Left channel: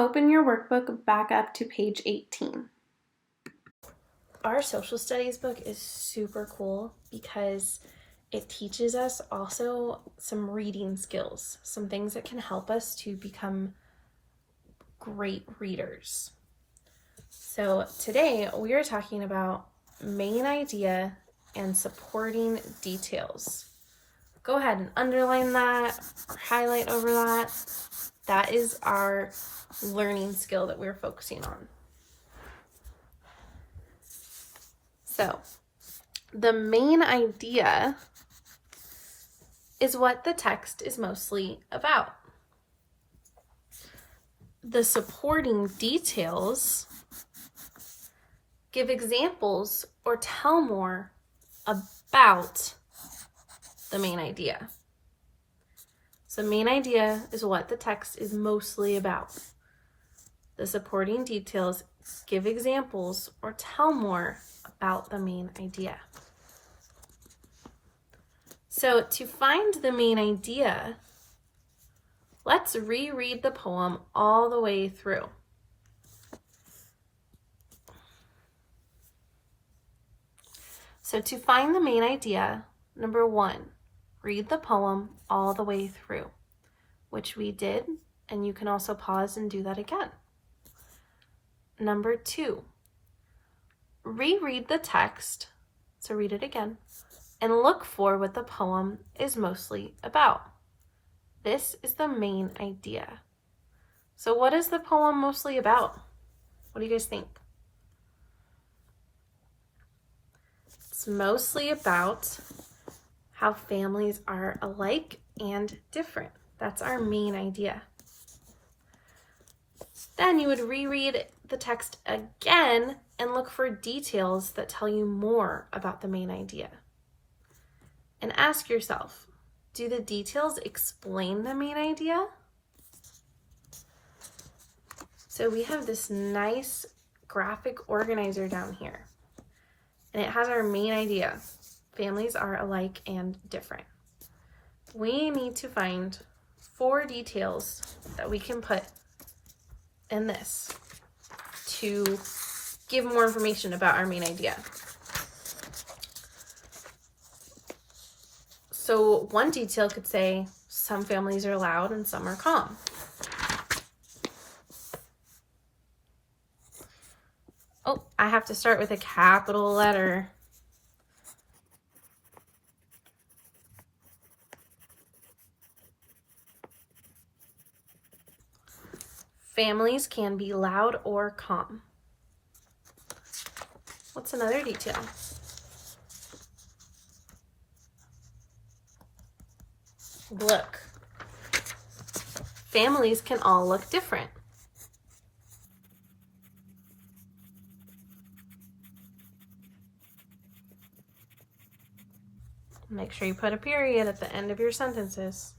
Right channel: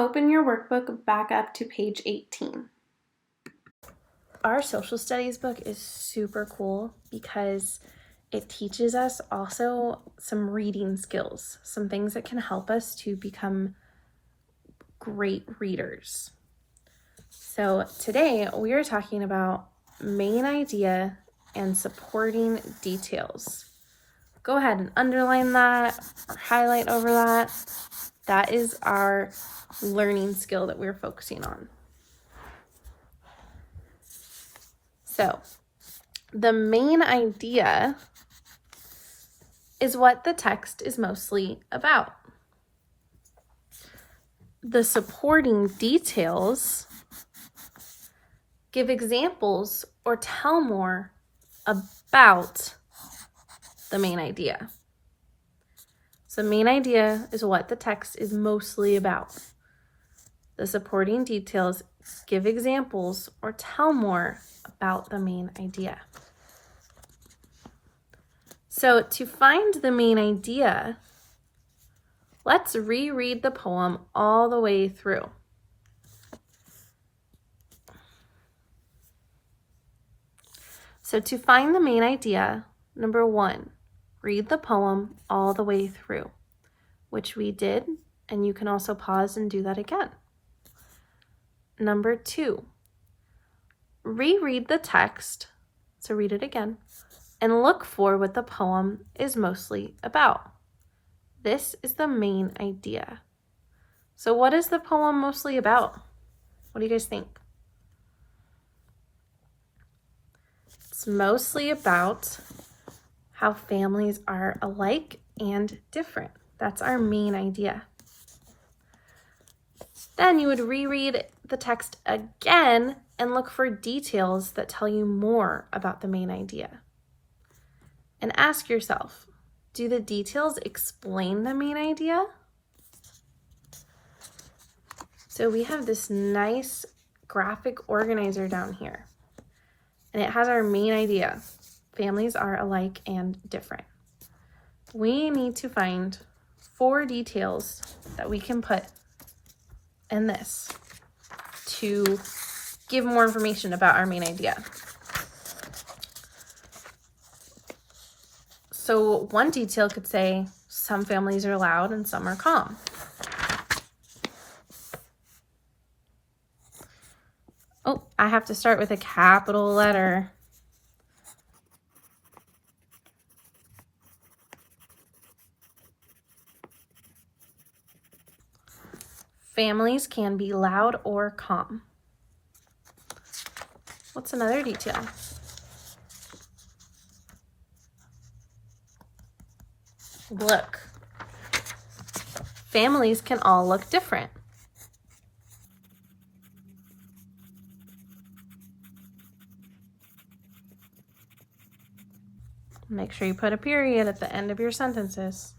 Open your workbook back up to page 18. Our social studies book is super cool because it teaches us also some reading skills, some things that can help us to become great readers. So today we are talking about main idea and supporting details. Go ahead and underline that or highlight over that. That is our learning skill that we're focusing on. So the main idea is what the text is mostly about. The supporting details give examples or tell more about the main idea. So main idea is what the text is mostly about. The supporting details give examples or tell more about the main idea. So to find the main idea, let's reread the poem all the way through. So to find the main idea, number 1, read the poem all the way through, which we did, and you can also pause and do that again. Number 2, reread the text, so read it again, and look for what the poem is mostly about. This is the main idea. So what is the poem mostly about? What do you guys think? It's mostly about how families are alike and different. That's our main idea. Then you would reread the text again and look for details that tell you more about the main idea. And ask yourself, do the details explain the main idea? So we have this nice graphic organizer down here, and it has our main idea. Families are alike and different. We need to find 4 details that we can put in this to give more information about our main idea. So one detail could say, some families are loud and some are calm. Oh, I have to start with a capital letter. Families can be loud or calm. What's another detail? Look. Families can all look different. Make sure you put a period at the end of your sentences.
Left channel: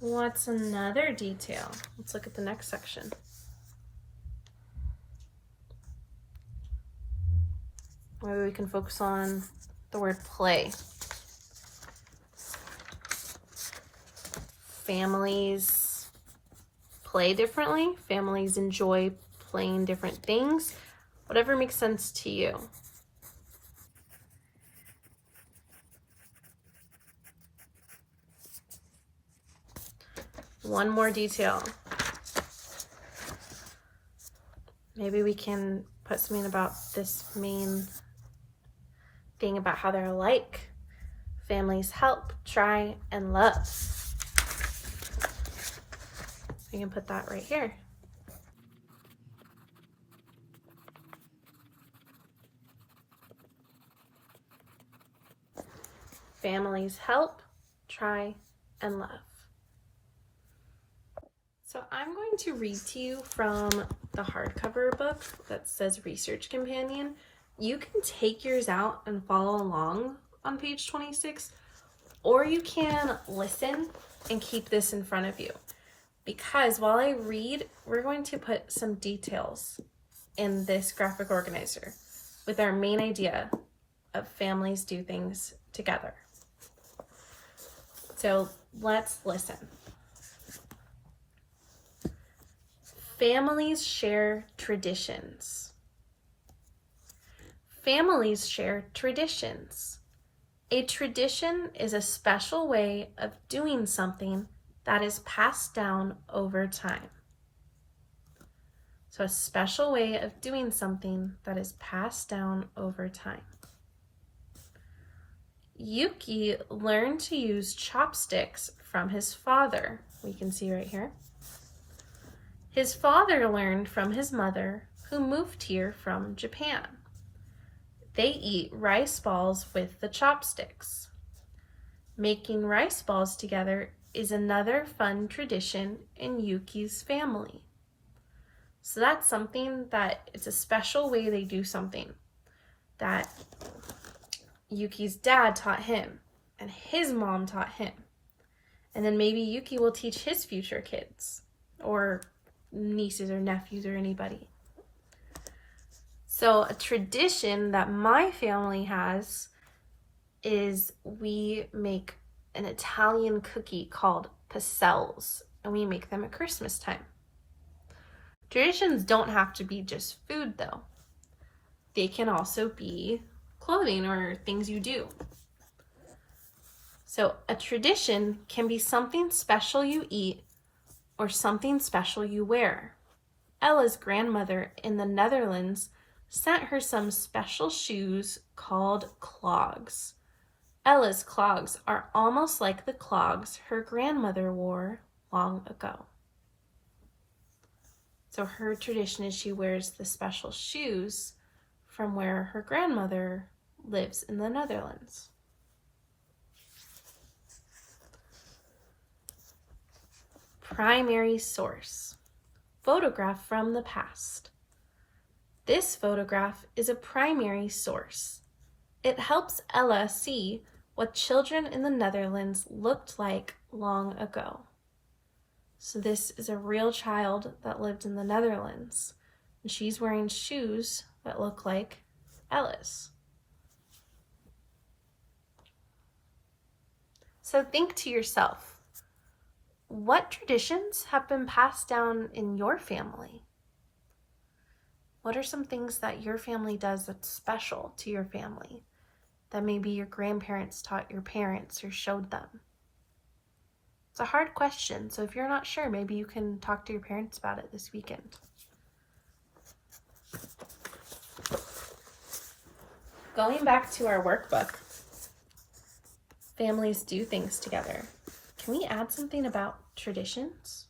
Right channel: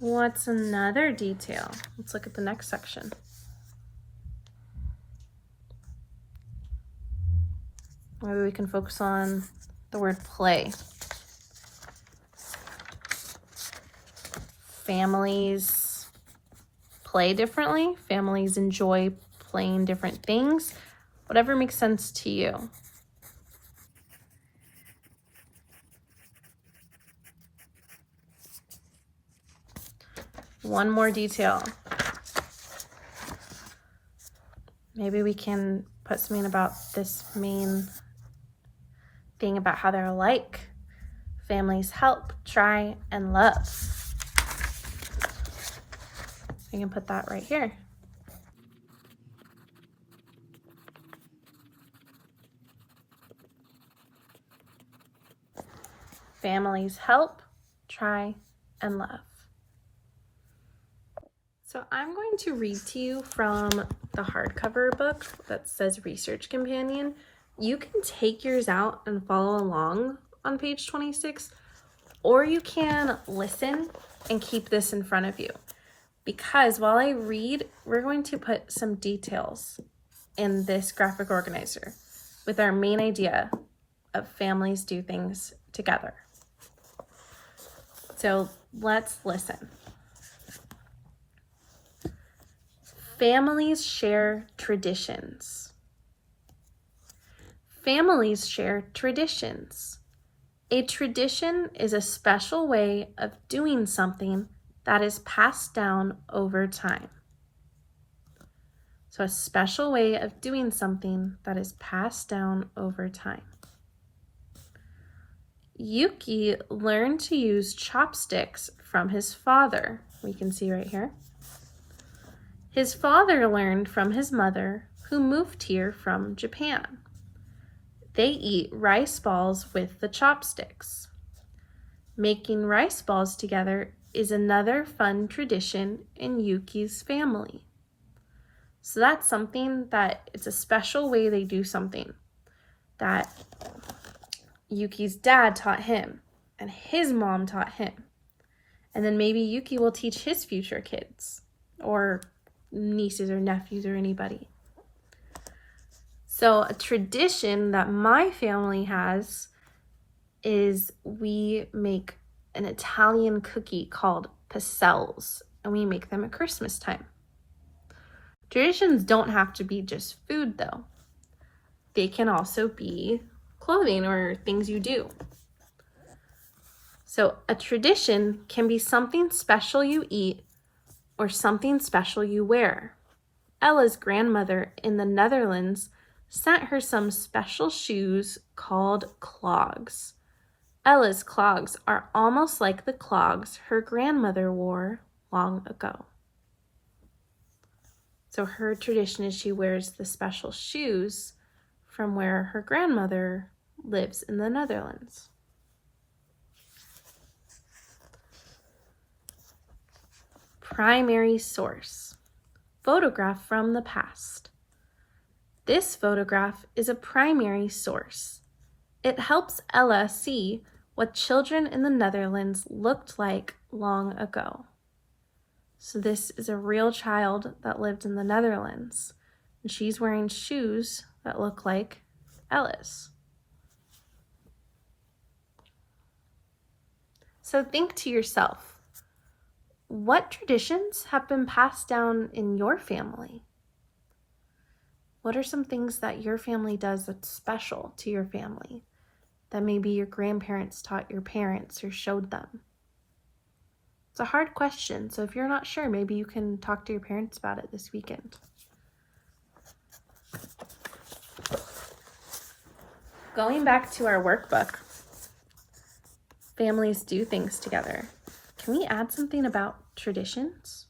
What's another detail? Let's look at the next section. Maybe we can focus on the word play. Families play differently. Families enjoy playing different things. Whatever makes sense to you. One more detail. Maybe we can put something about this main thing about how they're alike. Families help, try, and love. You can put that right here. Families help, try, and love. So I'm going to read to you from the hardcover book that says Research Companion. You can take yours out and follow along on page 26, or you can listen and keep this in front of you. Because while I read, we're going to put some details in this graphic organizer with our main idea of families do things together. So let's listen. Families share traditions. Families share traditions. A tradition is a special way of doing something that is passed down over time. So a special way of doing something that is passed down over time. Yuki learned to use chopsticks from his father. We can see right here. His father learned from his mother, who moved here from Japan. They eat rice balls with the chopsticks. Making rice balls together is another fun tradition in Yuki's family. So that's something that it's a special way they do something that Yuki's dad taught him and his mom taught him. And then maybe Yuki will teach his future kids or nieces or nephews or anybody. So a tradition that my family has is we make an Italian cookie called pastels, and we make them at Christmas time. Traditions don't have to be just food though. They can also be clothing or things you do. So a tradition can be something special you eat or something special you wear. Ella's grandmother in the Netherlands sent her some special shoes called clogs. Ella's clogs are almost like the clogs her grandmother wore long ago. So her tradition is she wears the special shoes from where her grandmother lives in the Netherlands. Primary source. Photograph from the past. This photograph is a primary source. It helps Ella see what children in the Netherlands looked like long ago. So this is a real child that lived in the Netherlands, and she's wearing shoes that look like Ella's. So think to yourself, what traditions have been passed down in your family? What are some things that your family does that's special to your family that maybe your grandparents taught your parents or showed them? It's a hard question, so if you're not sure, maybe you can talk to your parents about it this weekend. Going back to our workbook, families do things together. Can we add something about traditions?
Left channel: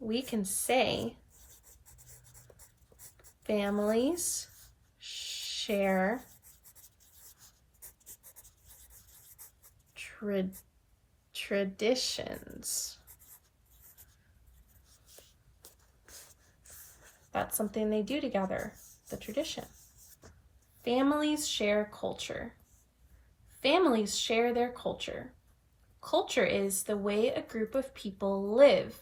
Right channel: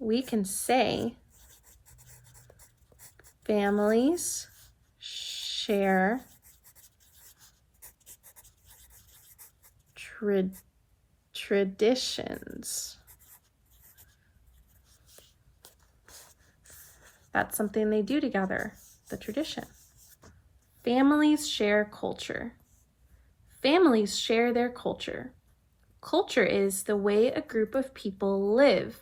We can say families share traditions. That's something they do together, the tradition. Families share culture. Families share their culture. Culture is the way a group of people live,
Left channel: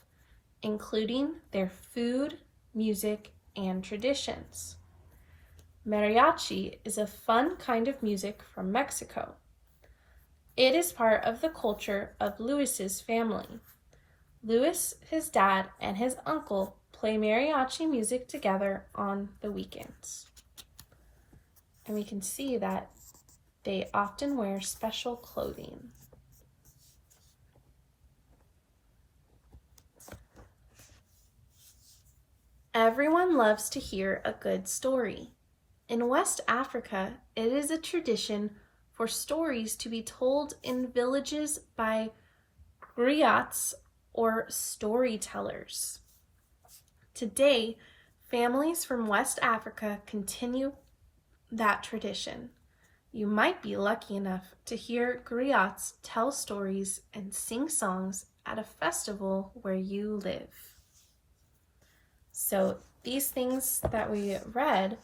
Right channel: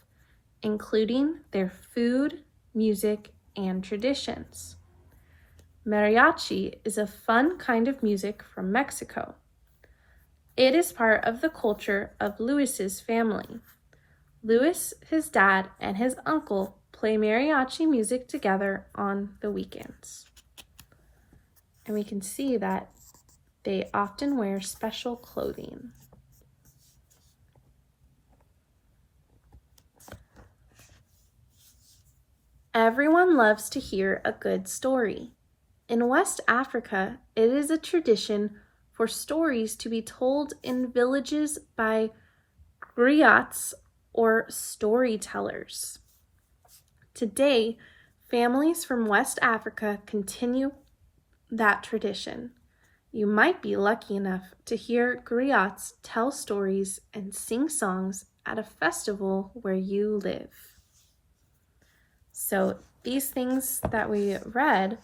including their food, music, and traditions. Mariachi is a fun kind of music from Mexico. It is part of the culture of Luis's family. Luis, his dad, and his uncle play mariachi music together on the weekends. And we can see that they often wear special clothing. Everyone loves to hear a good story. In West Africa, it is a tradition for stories to be told in villages by griots or storytellers. Today, families from West Africa continue that tradition. You might be lucky enough to hear griots tell stories and sing songs at a festival where you live. So these things that we read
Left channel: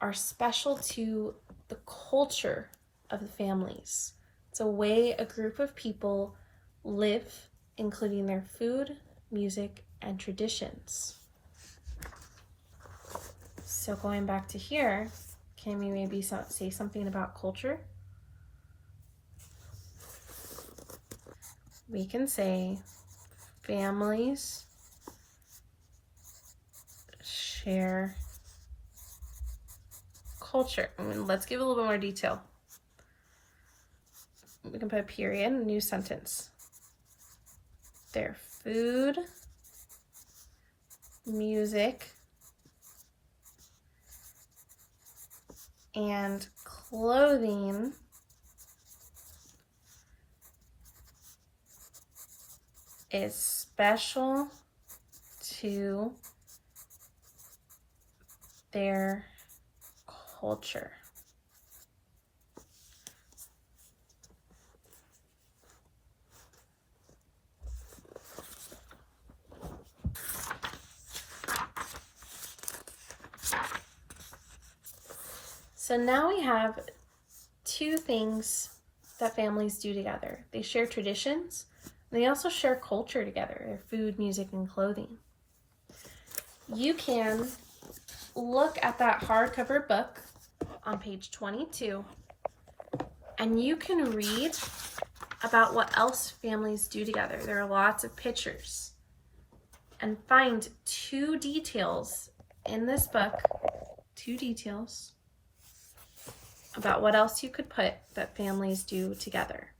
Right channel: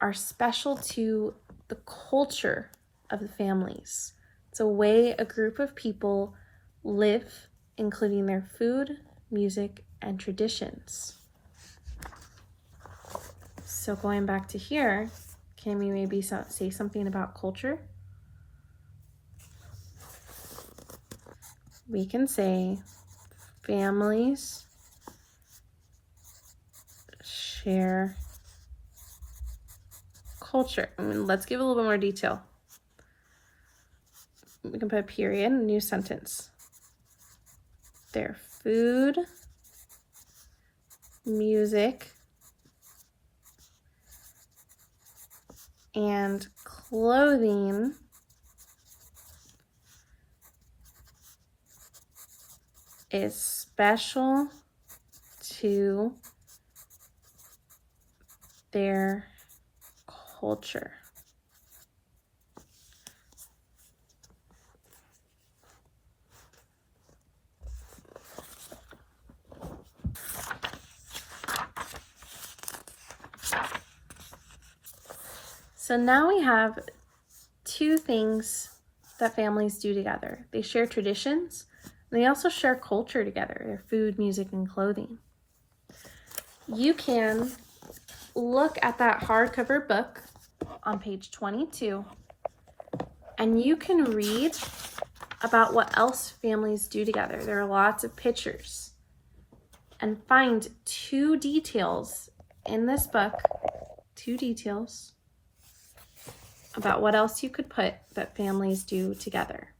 are special to the culture of the families. It's a way a group of people live, including their food, music, and traditions. So going back to here, can we maybe say something about culture? we can say families share culture. And let's give a little bit more detail. We can put a period, a new sentence. Their food, music, and clothing is special to their culture. So now we have two things that families do together. They share traditions, and they also share culture together, their food, music, and clothing. You can look at that hardcover book on page 22, and you can read about what else families do together. There are lots of pictures. And find two details in this book, two details about what else you could put that families do together.